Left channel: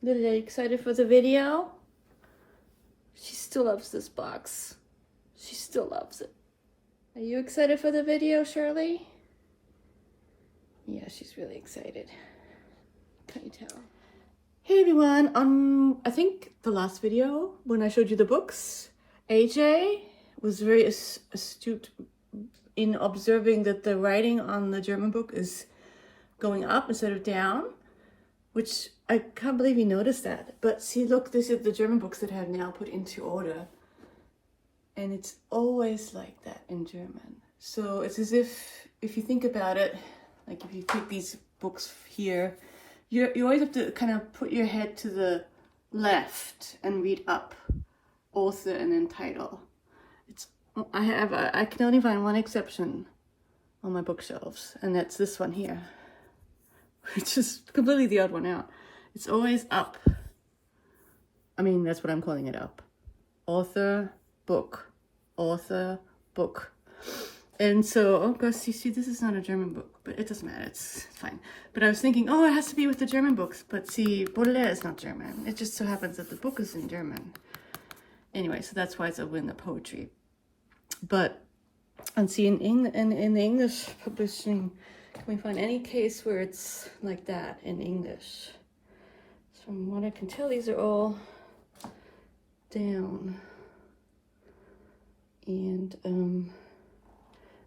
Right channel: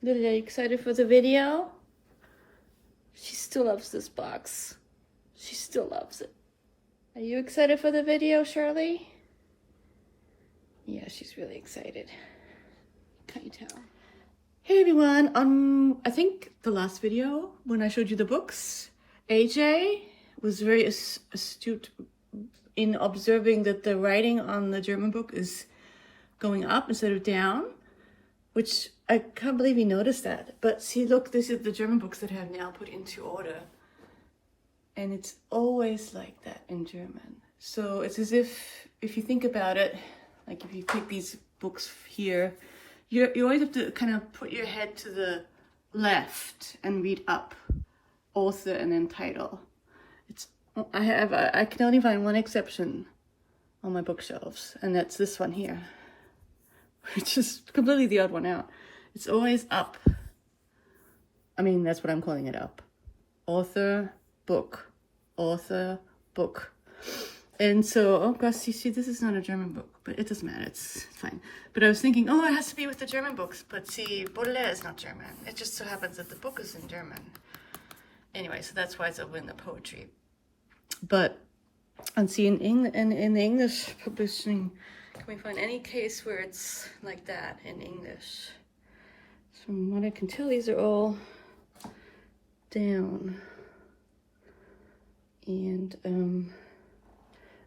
Lily, are you excited for the video? She still loves this box. She still loves it. Are you excited for the video, Shirley? Yeah, she's really excited. Can't you tell? Hey everyone, I think the last video when I showed you the books, AJ was very astute in observing that the writing on the German book is going up instead of down, which I can't believe he noticed that. But see, look, this is the German books that have now put into order. And it's always like that in German. So it's as if you think about it, like if you take these books here, you always have to kind of put your head to the left and read up, author and then title. I can only find one exception on my bookshelves, and that's this one here, which is completely the odd one out. It's always up. I mean, that's what I'm calling it, up. Author, book. Author, book. And so, oh gosh, you see, this is not a German book, but it doesn't matter, it's fine. But I was thinking, oh, it has to be with the German books, but see, Baudelaire is not German. It just so happens that the book is in German. Anyway, so that's why it's over in the poetry. But, and see, in the English publishing, can we find any case where it's like that in English? From what I can tell, these are all down. And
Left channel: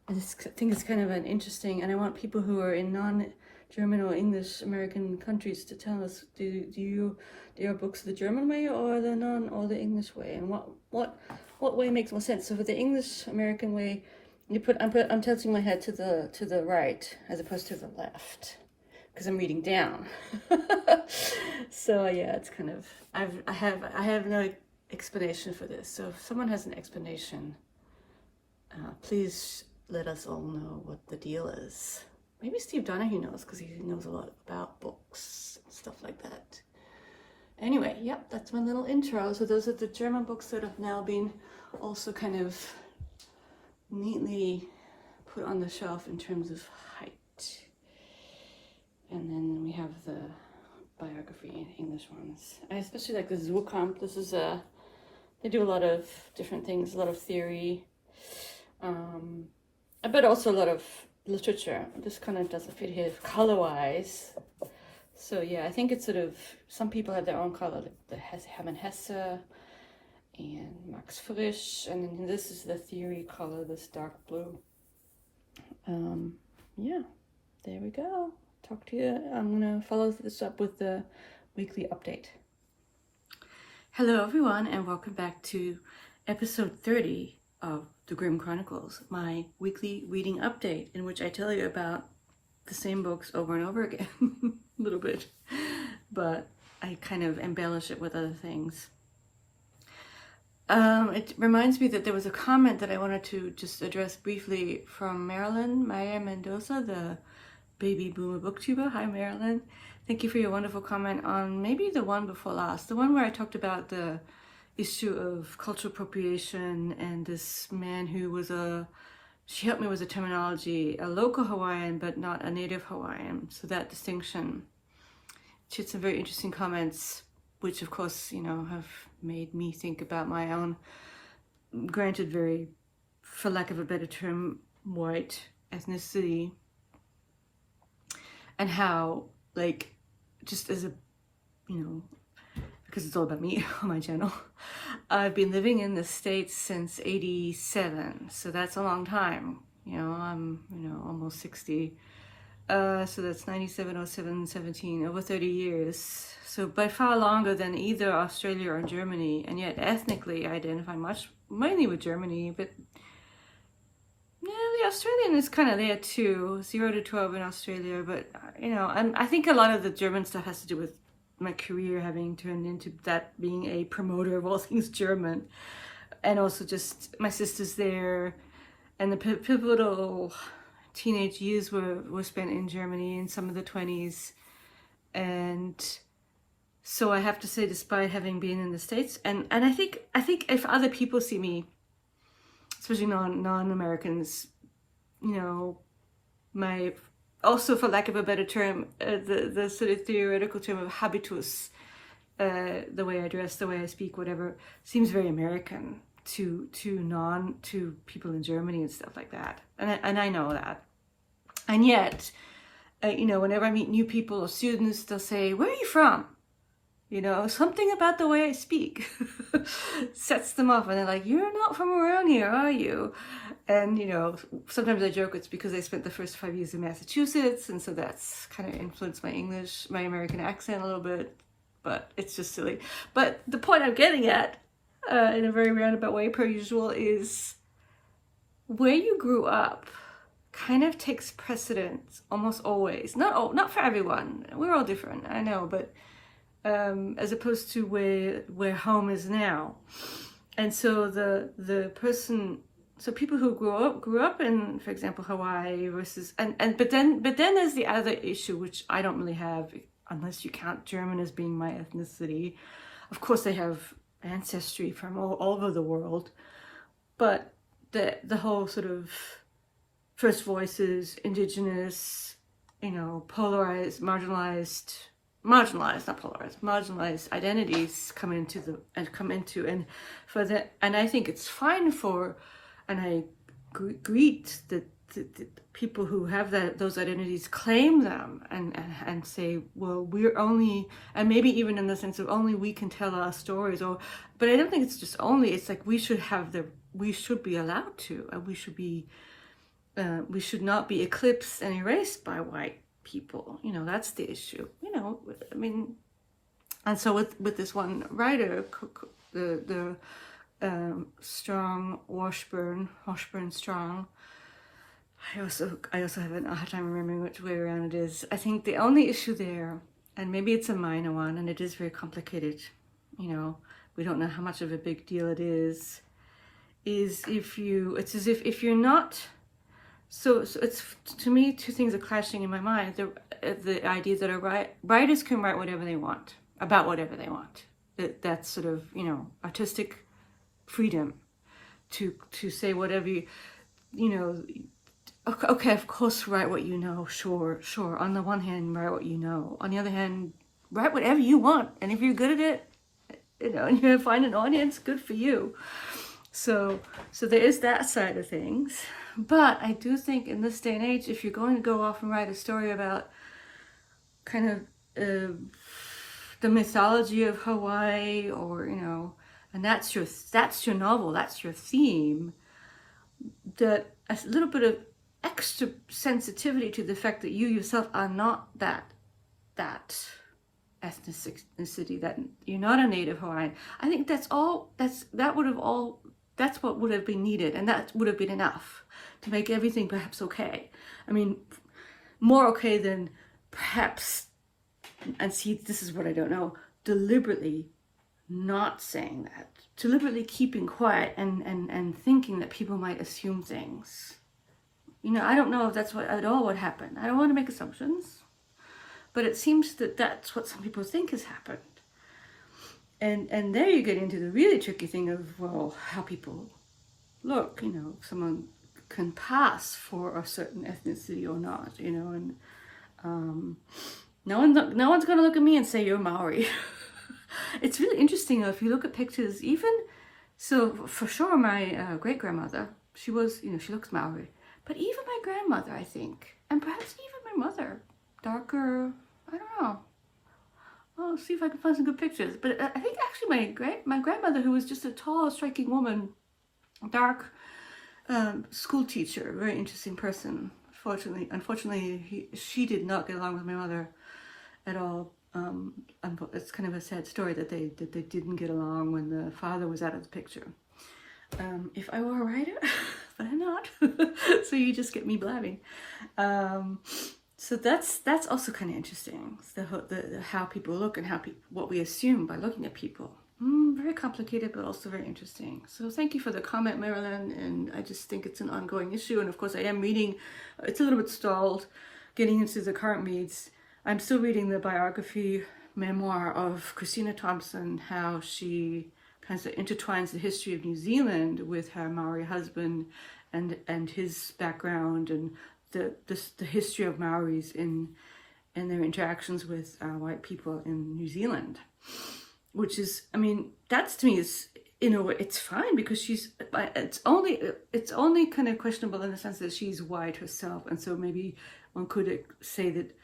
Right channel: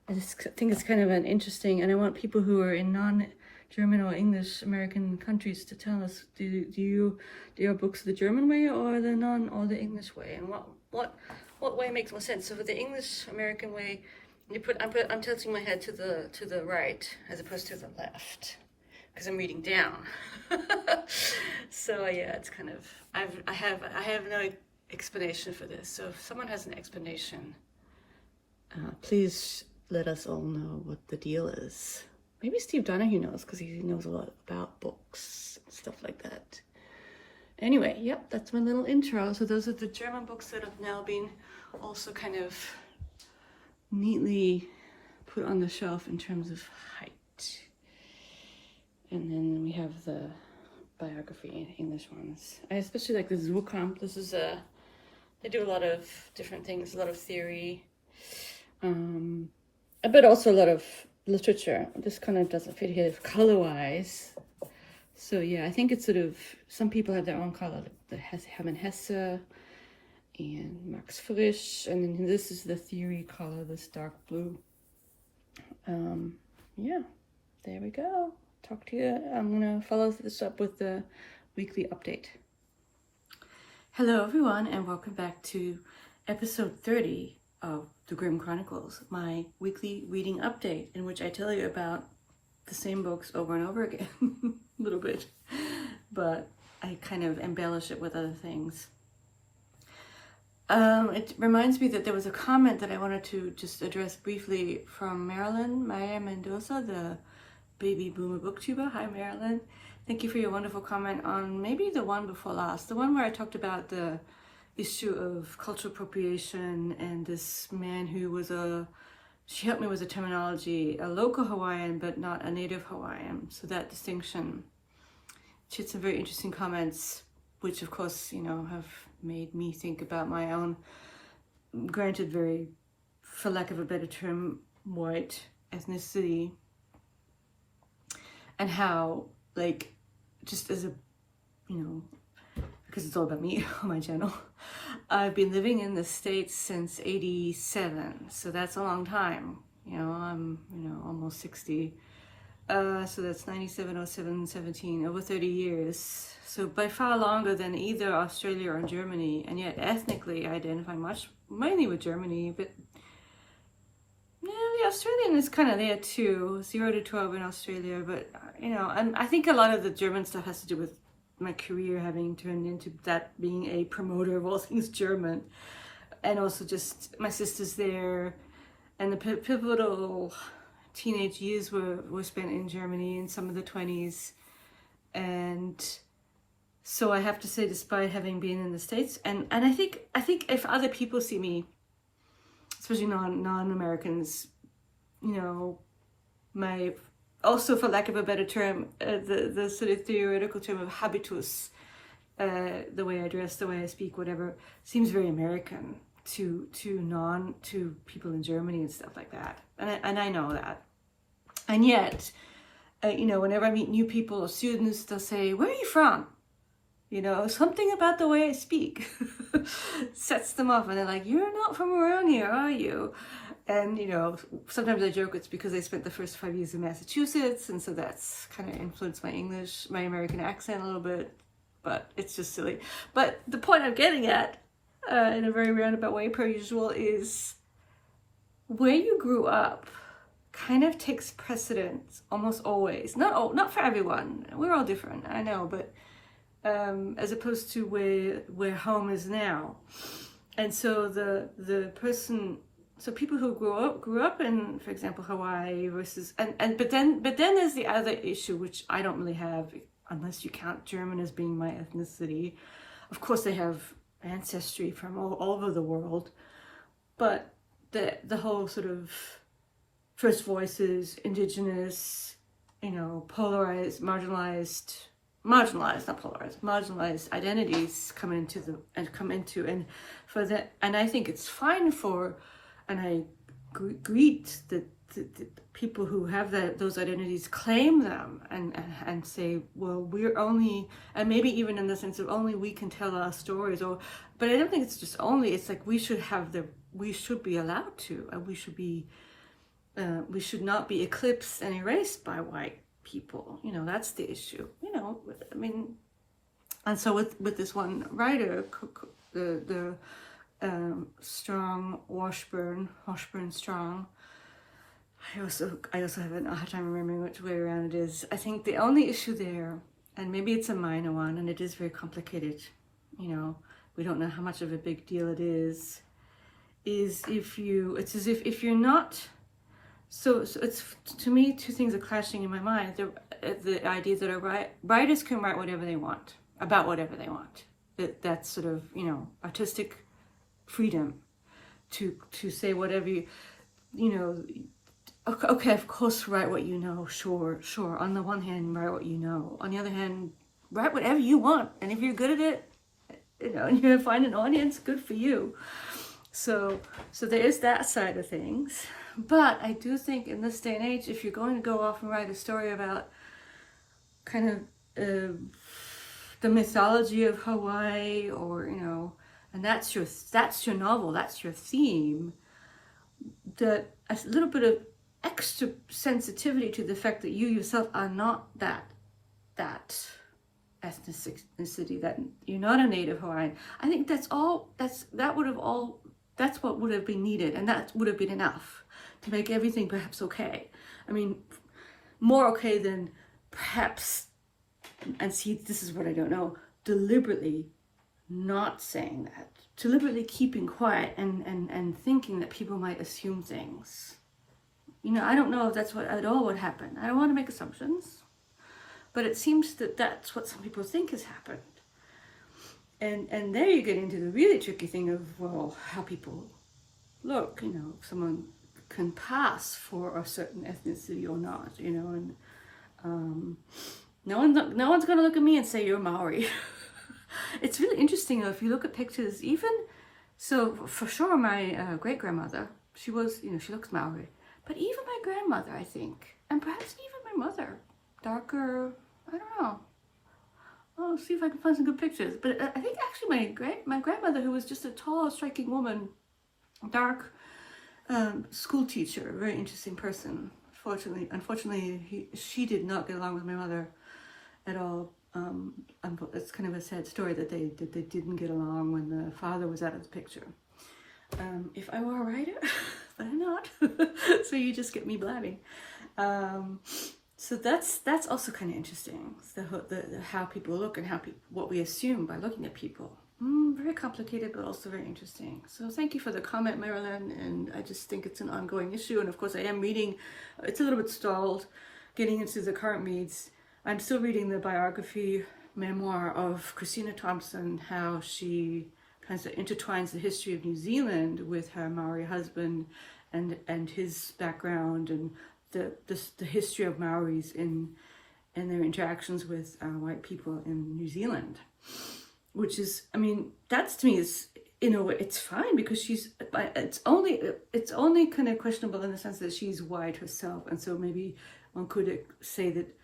I just think it's kind of an interesting, and I want people who are in non-German or English American countries to tell us, do your books the German way or the English way, and what way makes more sense? So for the English American way, I'm tilting my head to the right as opposed to the left because I'm reading down. So yeah, it's kind of I have no explanation for this. So if someone has an explanation, please let us all know what the deal is. Maybe Steve Donahue knows because he knows a lot about books and stuff like that. Anyway, yep, that's my little intro. So those are the German books that have now been also kind of neatly put on the shelf in terms of height. And then we have the biography English ones. I especially like the Zukamp. This is they do a lot of different things, a lot of theory, but also a lot of literature. This kind of doesn't fit here color-wise. So yeah, I think it's sort of, some people have their own color, the Hermann Hesse and Max Frisch, and then this is the theory color, this dark blue. Yeah, there we go. Talk to you. I'm gonna follow this up with the weekly update. Hello everyone, and welcome back to episode 30 of the Grimm Chronicles, my weekly reading update, in which I tell you about the same books over and over again, a little bit, but I kind of embellish it with other things. It reminds me that there was a comment that I wanted to just address briefly from Marilyn Meyer Mendoza, the baby boomer booktuber. Hi Marilyn. Thank you for your wonderful comment on maybe the one before last, the one where I talked about the issue of cultural appropriation and this man who was she helped me with the terminology, a local Hawaiian but not a native Hawaiian, so that distinction. She had some very interesting comments, which of course, you know, have made me think about my own, granted very, for lack of a better term, white ethnicity, and how, like, just as a, you know, because it's all about me on my channel, I've been living in the States since '87, so that's a long time. You know, I'm, you know, almost 60. So that's 97, 07, 17, over 30 years. So by far longer than either Australia or Germany, and yet ethnically I identify mainly with Germany, but yeah, the Australian is kind of there too, 0 to 12 in Australia, but you know, I think a lot of the German stuff has to do with my career having turned into that being a promoter of all things German, and also just my sister's there, and the pivotal teenage years were spent in Germany in some of the 20s, and so I have to say, despite having been in the States, and I think if other people see me, especially non-Americans, you know, my, also for lack of a better term, the sort of theoretical term of habitus the way I dress, the way I speak, whatever, seems very American to people in Germany and stuff like that. And I know that. And yet, you know, whenever I meet new people or students, they'll say, "Where are you from?" You know, something about the way I speak sets them off, and they're like, "You're not from around here, are you?" And, you know, sometimes I joke it's because I spent the first 5 years in Massachusetts, and so that's kind of influenced my English, my American accent a little bit, but it's just silly. But the point I'm getting at, in a very roundabout way per usual, is where you grew up kind of takes precedence almost always. Not for everyone. We're all different, I know, but as opposed to where home is now. And so the person, so people who grew up in, for example, Hawaii versus, but then there's the other issue, which I don't really have, unless you count German as being my ethnicity. Of course, they have ancestry from all over the world, but the whole sort of First Voices, indigenous, you know, polarized, marginalized, not polarized, marginalized identities come into and for that, and I think it's fine for, and I greet the people who have those identities, claim them and say, well, we're only, and maybe even in the sense of only we can tell our stories, but I don't think it's just only, it's like we should be allowed to, and we should not be eclipsed and erased by white people. You know, that's the issue. You know, I mean, and so with this one writer, the Strong, Washburn Strong, I also have a hard time remembering which way around it is. I think the only issue there, and maybe it's a minor one, and it is very complicated, you know, we don't know how much of a big deal it is it's as if you're not, so it's, to me, two things are clashing in my mind. The idea that writers can write whatever they want, about whatever they want. That's sort of, you know, artistic freedom to say whatever you know. Okay, of course, write what you know, sure. On the one hand, write what you know. On the other hand, write whatever you want. And if you're good at it, you know, and you're gonna find an audience, good for you. So there is that side of things. But I do think in this day and age, if you're going to go off and write a story about kind of the mythology of Hawaii, or, you know, and that's your novel, that's your theme, that a little bit of extra sensitivity to the fact that you yourself are not that ethnicity, that you're not a native Hawaiian. I think that's what would have been needed, and that would have been enough to make everything perhaps okay. I mean, more okay than perhaps, and see, this is what I don't know, deliberately not saying that, deliberately keeping quiet and thinking that people might assume things. You know, I don't know if that's what at all would happen. I don't want to make assumptions, but it seems that that's what some people think has happened. And there you get into the really tricky thing of, well, how people look. You know, someone can pass for a certain ethnicity or not, you know, and no one's going to look at me and say you're Maori. It's really interesting, though, if you look at pictures, even, so for sure my great-grandmother, she was, you know, she looks Maori. But even my grandmother, I think, and perhaps even my mother, darker, I don't know. I'll see if I can find some good pictures. But I think actually my grandmother, who was just a tall, striking woman, dark school teacher, very interesting person. Unfortunately, she did not get along with my mother at all. It's kind of a sad story that they didn't get along when the father was out of the picture. If I were a writer, but I'm not, so you just get me blabbing. So that's also kind of interesting. The how people look and what we assume by looking at people. Very complicated, but also very interesting. So thank you for the comment, Marilyn. And I just think it's an ongoing issue. And of course, I am reading. It's a little bit stalled, getting into the current reads. I'm still reading the biography memoir of Christina Thompson, how she kind of intertwines the history of New Zealand with her Maori husband and his background, and the history of Maoris in their interactions with white people in New Zealand. which is, I mean, that's to me is, in a way, it's fine because it's only kind of questionable in the sense that she's white herself, and so maybe one could say that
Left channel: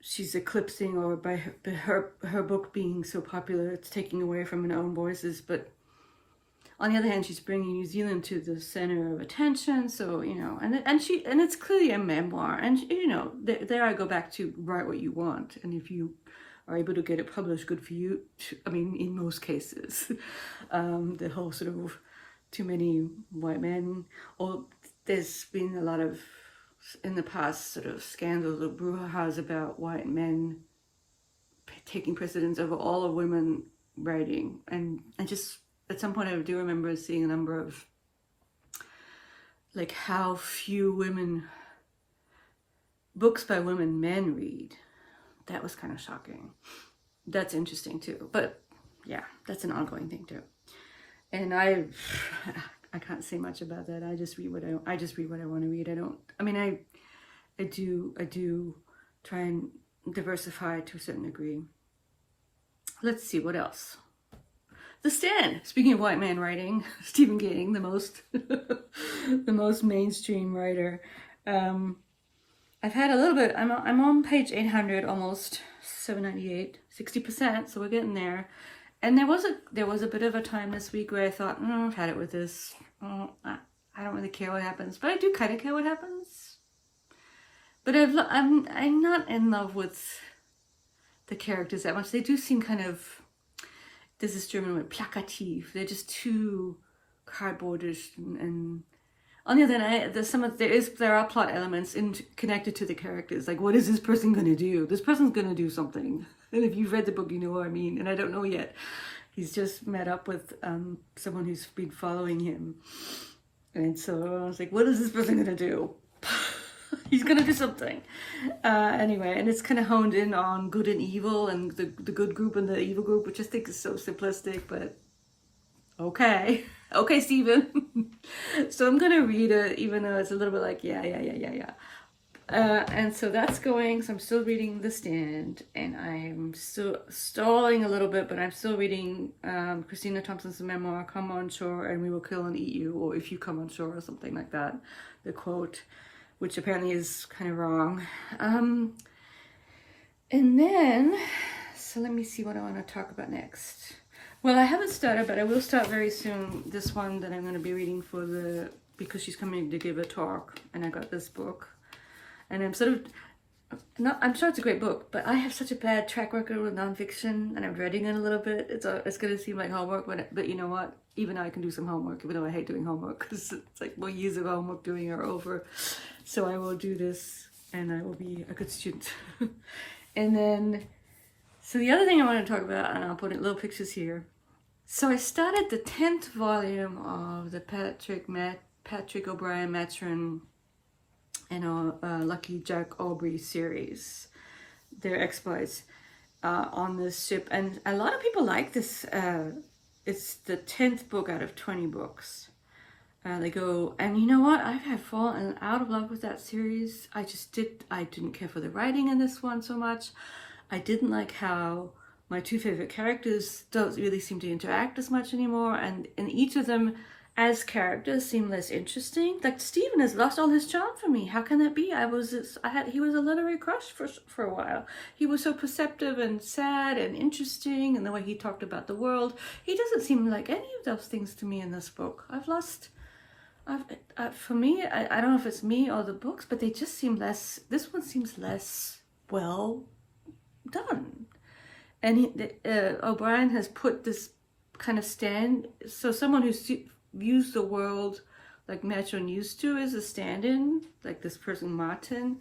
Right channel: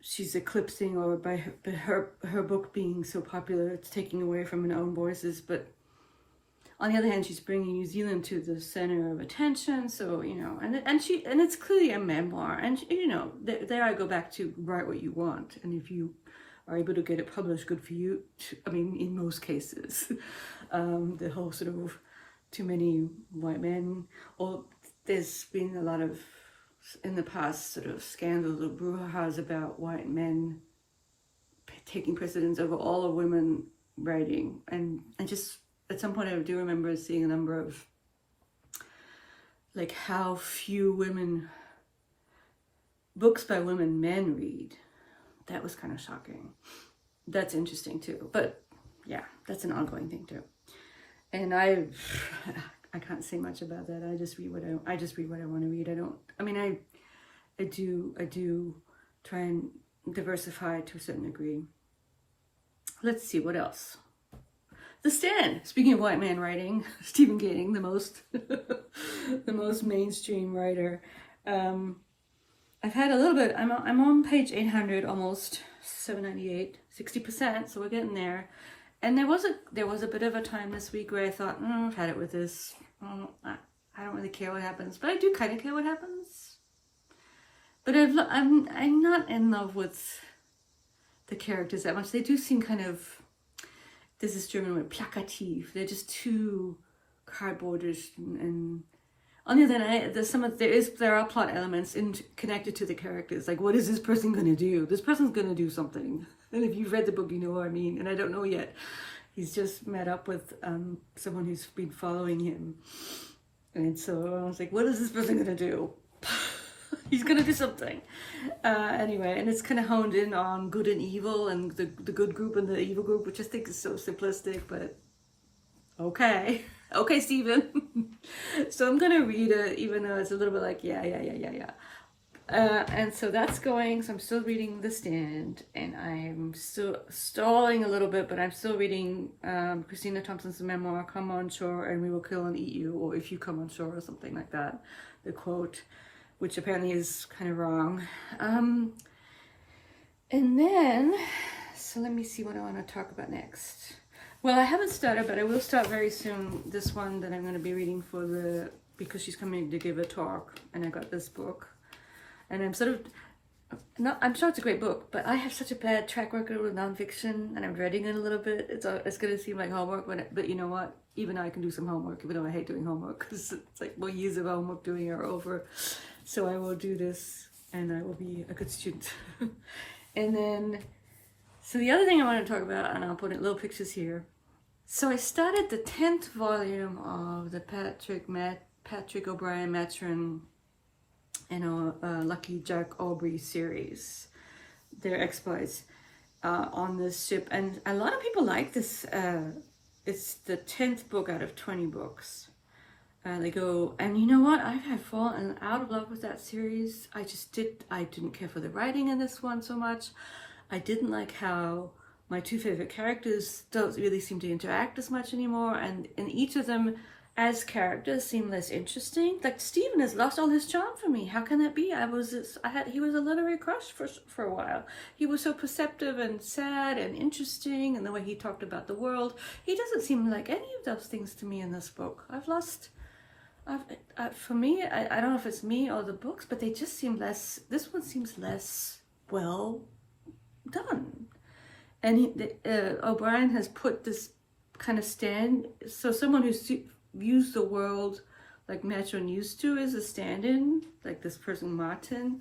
she's eclipsing, or by her book being so popular, it's taking away from her own voices. But on the other hand, she's bringing New Zealand to the center of attention. So, you know, and it's clearly a memoir. And, you know, there I go back to write what you want. And if you are able to get it published, good for you. I mean, in most cases, the whole sort of too many white men, or there's been a lot of, in the past, sort of scandals or brouhahas about white men taking precedence over all of women writing. And just at some point I do remember seeing a number of, like, how few books by women men read. That was kind of shocking. That's interesting too. But yeah, that's an ongoing thing too. And I can't say much about that. I just read what I want to read. I do try and diversify to a certain degree. Let's see, what else? The Stand. Speaking of white man writing, Stephen King, the most mainstream writer. I've had a little bit. I'm on page 800, almost 798, 60%. So we're getting there. And there was a bit of a time this week where I thought, I've had it with this. I don't really care what happens, but I do kind of care what happens. But I'm not in love with the characters that much. They do seem kind of, there's this German word, plakativ. They're just too cardboardish, and on the other hand, there are plot elements connected to the characters. Like, what is this person going to do? This person's going to do something. And if you've read the book, you know what I mean. And I don't know yet. He's just met up with someone who's been following him. And so I was like, what is this person going to do? He's going to do something. Anyway, and it's kind of honed in on good and evil, and the good group and the evil group, which I think is so simplistic, but okay. Okay, Stephen. So I'm going to read it, even though it's a little bit like, yeah. And so that's going. So I'm still reading The Stand, and I'm still stalling a little bit, but I'm still reading Christina Thompson's memoir, Come on Shore and We Will Kill and Eat You, or If You Come on Shore, or something like that. The quote, which apparently is kind of wrong. And then, so let me see what I want to talk about next. Well, I haven't started, but I will start very soon. This one that I'm going to be reading because she's coming to give a talk, and I got this book. And I'm I'm sure it's a great book, but I have such a bad track record with nonfiction, and I'm dreading it a little bit. It's going to seem like homework, but you know what? Even I can do some homework, even though I hate doing homework, because it's like, well, years of homework doing are over. So I will do this, and I will be a good student. And then, so the other thing I want to talk about, and I'll put in little pictures here. So I started the 10th volume of the Patrick O'Brien Maturin Lucky Jack Aubrey series, their exploits on this ship, and a lot of people like this. It's the 10th book out of 20 books. They go, and you know what? I have fallen out of love with that series. I didn't care for the writing in this one so much. I didn't like how my two favorite characters don't really seem to interact as much anymore, and each of them as characters seem less interesting. Like, Stephen has lost all his charm for me. How can that be? He was a literary crush for a while. He was so perceptive and sad and interesting, and the way he talked about the world. He doesn't seem like any of those things to me in this book. For me, I don't know if it's me or the books, but they just seem less, this one seems less well done. And O'Brien has put this kind of stand, so someone who views the world like Maturin used to is a stand-in, like this person Martin,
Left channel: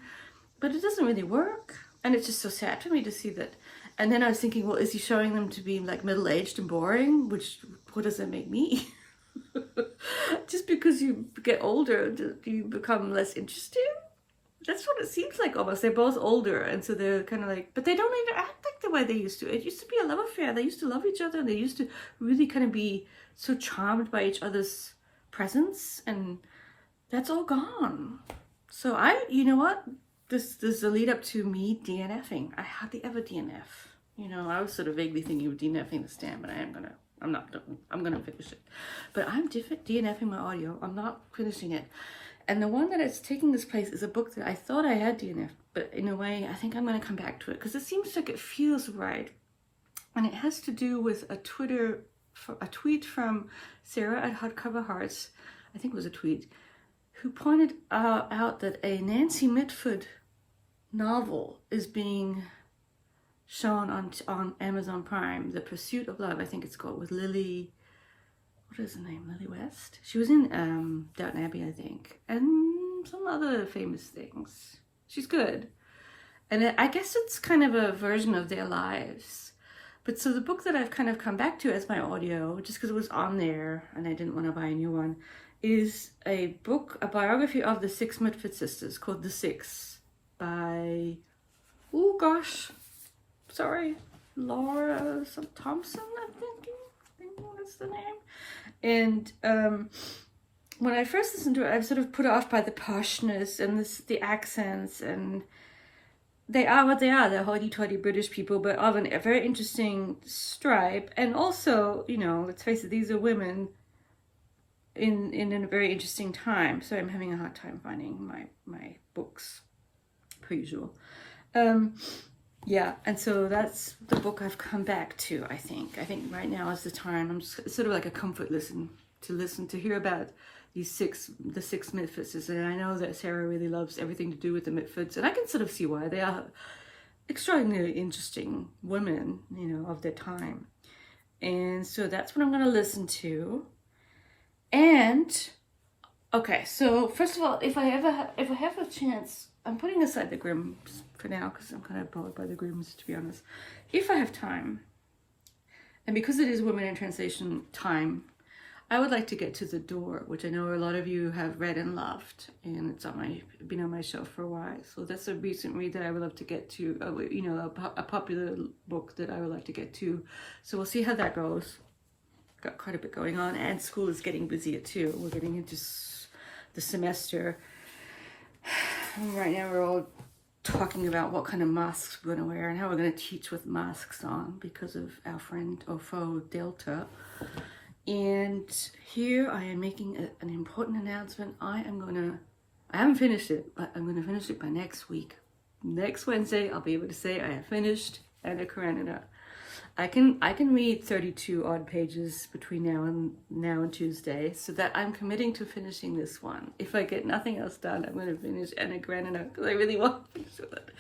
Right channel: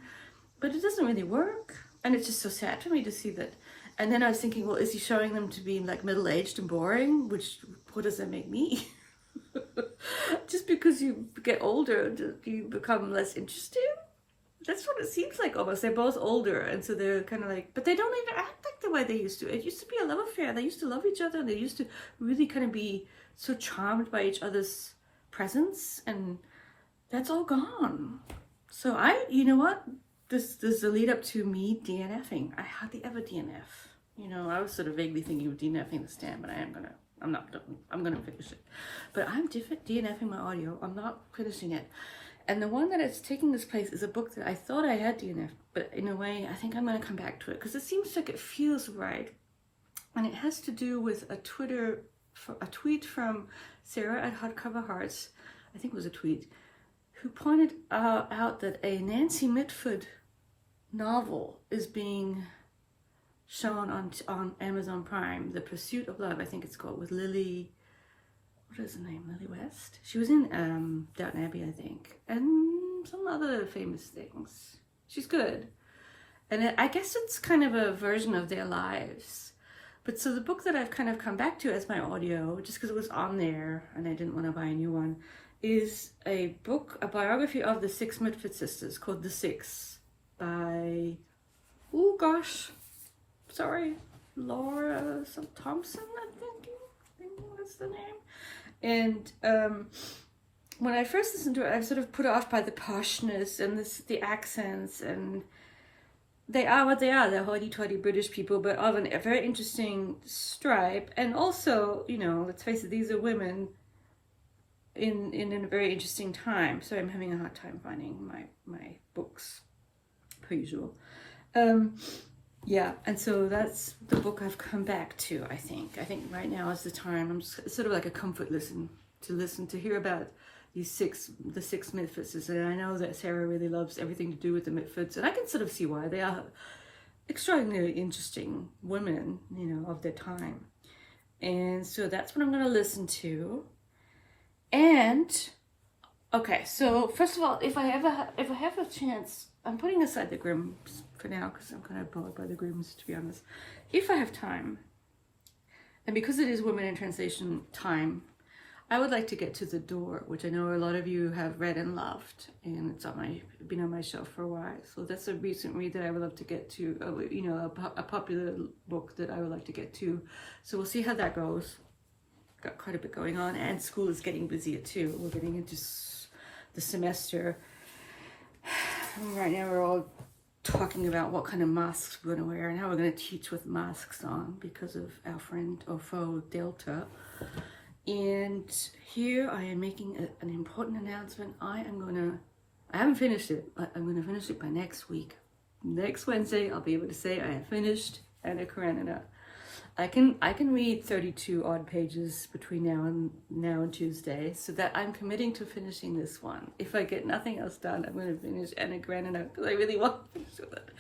but it doesn't really work, and it's just so sad for me to see that. And then I was thinking, well, is he showing them to be like middle-aged and boring? What does that make me? Just because you get older, do you become less interesting? That's what it seems like almost. They're both older, and so they're kind of like, but they don't interact like the way they used to. It used to be a love affair. They used to love each other, and they used to really kind of be so charmed by each other's presence, and that's all gone. So you know what? This is the lead up to me DNFing. I hardly ever DNF. You know, I was sort of vaguely thinking of DNFing the stand, but I'm gonna finish it. But I'm DNFing my audio. I'm not finishing it. And the one that is taking this place is a book that I thought I had DNF'd, but in a way, I think I'm gonna come back to it because it seems like it feels right. And it has to do with a tweet from Sarah at Hardcover Hearts, I think it was a tweet, who pointed out that a Nancy Mitford novel is being shown on Amazon Prime, The Pursuit of Love, I think it's called, with Lily, what is her name, Lily West? She was in Downton Abbey, I think, and some other famous things. She's good. And I guess it's kind of a version of their lives. But so the book that I've kind of come back to as my audio, just because it was on there and I didn't want to buy a new one, is a biography of the six Mitford sisters called The Six by, oh gosh, sorry, Laura Thompson, I think that's the name. And when I first listened to it, I was sort of put off by the poshness and the accents, and they are what they are. They're hoity-toity British people, but of a very interesting stripe. And also, you know, let's face it, these are women in a very interesting time. So I'm having a hard time finding my books, per usual. Yeah, and so that's the book I've come back to, I think. I think right now is the time. It's sort of like a comfort listen to hear about the six Mitfords. And I know that Sarah really loves everything to do with the Mitfords, and I can sort of see why. They are extraordinarily interesting women, you know, of their time. And so that's what I'm going to listen to. And, okay, so first of all, if I have a chance, I'm putting aside the Grimms for now because I'm kind of bored by the Grimms, to be honest. If I have time, and because it is Women in Translation time, I would like to get to The Door, which I know a lot of you have read and loved, and it's been on my shelf for a while. So that's a recent read that I would love to get to, you know, a popular book that I would like to get to. So we'll see how that goes. Got quite a bit going on, and school is getting busier too. We're getting into the semester. Right now we're all talking about what kind of masks we're going to wear and how we're going to teach with masks on because of our friend or foe Delta. And here I am making an important announcement. I haven't finished it, but I'm going to finish it by next week. Next Wednesday I'll be able to say I have finished Anna Karenina. I can read 32 odd pages between now and Tuesday, so that I'm committing to finishing this one. If I get nothing else done, I'm going to finish Anna Karenina because I really want to finish with it.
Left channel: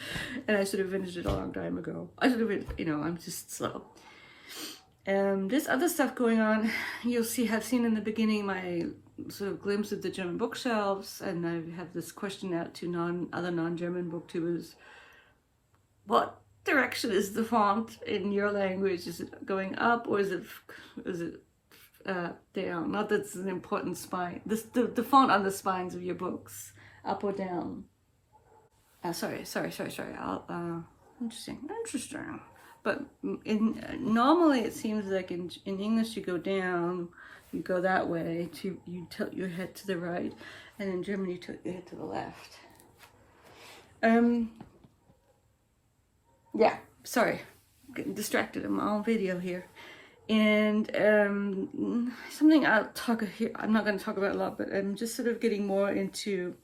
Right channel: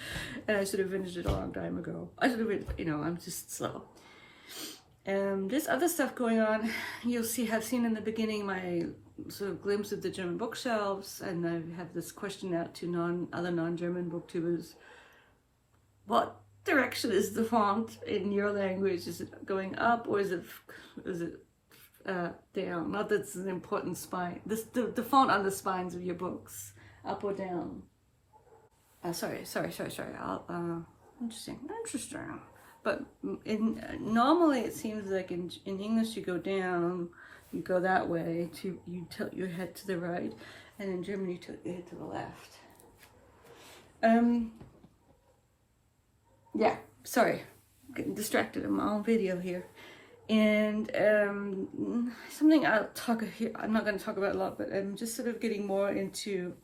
And I should have finished it a long time ago. I should have, you know, I'm just slow. There's other stuff going on. You'll have seen in the beginning my sort of glimpse of the German bookshelves, and I have this question out to other non-German booktubers. What direction is the font in your language? Is it going up or is it down? Not that it's an important spine. The font on the spines of your books, up or down? Sorry. Interesting. But normally it seems like in English you go down, you go that way, you tilt your head to the right, and in German you tilt your head to the left. Yeah, sorry, I'm getting distracted. I'm on video here. And something I'm not going to talk about a lot, but I'm just sort of getting more into,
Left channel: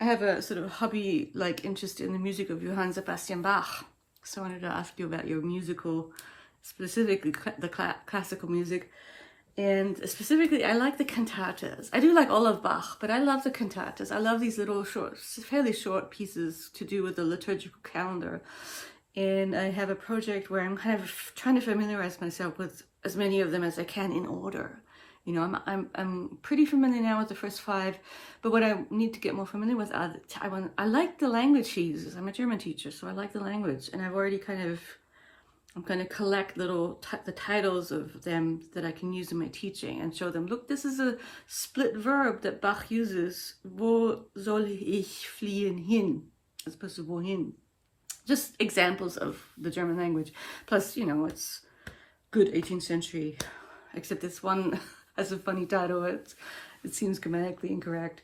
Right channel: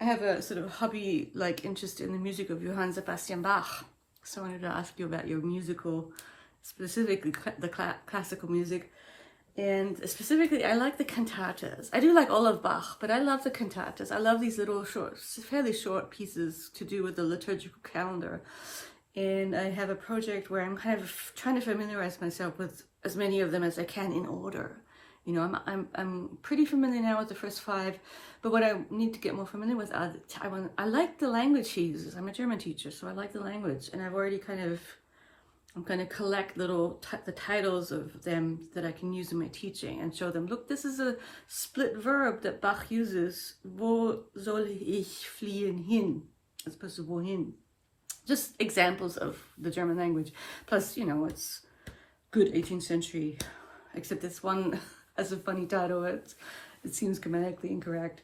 I have a sort of hobby-like interest in the music of Johann Sebastian Bach. So I wanted to ask you about your musical, specifically the classical music. And specifically, I like the cantatas. I do like all of Bach, but I love the cantatas. I love these little fairly short pieces to do with the liturgical calendar. And I have a project where I'm kind of trying to familiarize myself with as many of them as I can in order. You know, I'm pretty familiar now with the first 5, but what I need to get more familiar with are I like the language he uses. I'm a German teacher, so I like the language, and I've already I'm going to collect the titles of them that I can use in my teaching and show them, look, this is a split verb that Bach uses. Wo soll ich fliehen hin? As opposed to wohin. Just examples of the German language. Plus, you know, it's good 18th century, except this one has a funny title. It seems grammatically incorrect.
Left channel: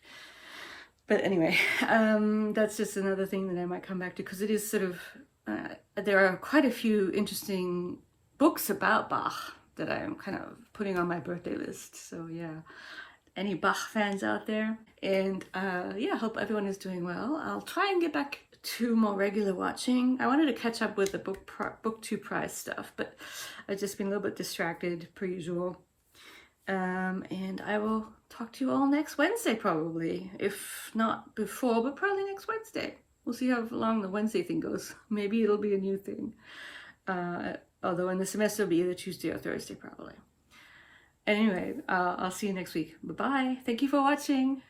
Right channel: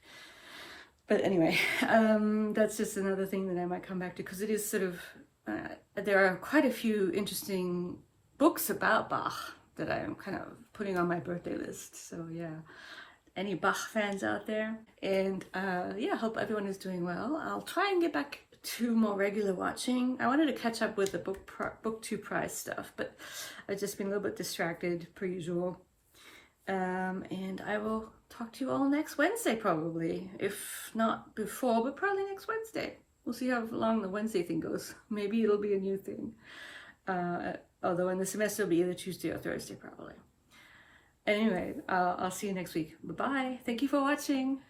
But anyway, that's just another thing that I might come back to, because it is sort of there are quite a few interesting books about Bach that I'm kind of putting on my birthday list. So yeah, any Bach fans out there? And yeah, hope everyone is doing well. I'll try and get back to more regular watching. I wanted to catch up with the BookTube prize stuff, but I've just been a little bit distracted per usual. And I will talk to you all next Wednesday probably, if not before, but probably next Wednesday. We'll see how long the Wednesday thing goes. Maybe it'll be a new thing. Although in the semester it'll be either Tuesday or Thursday probably. Anyway, I'll see you next week. Bye-bye. Thank you for watching.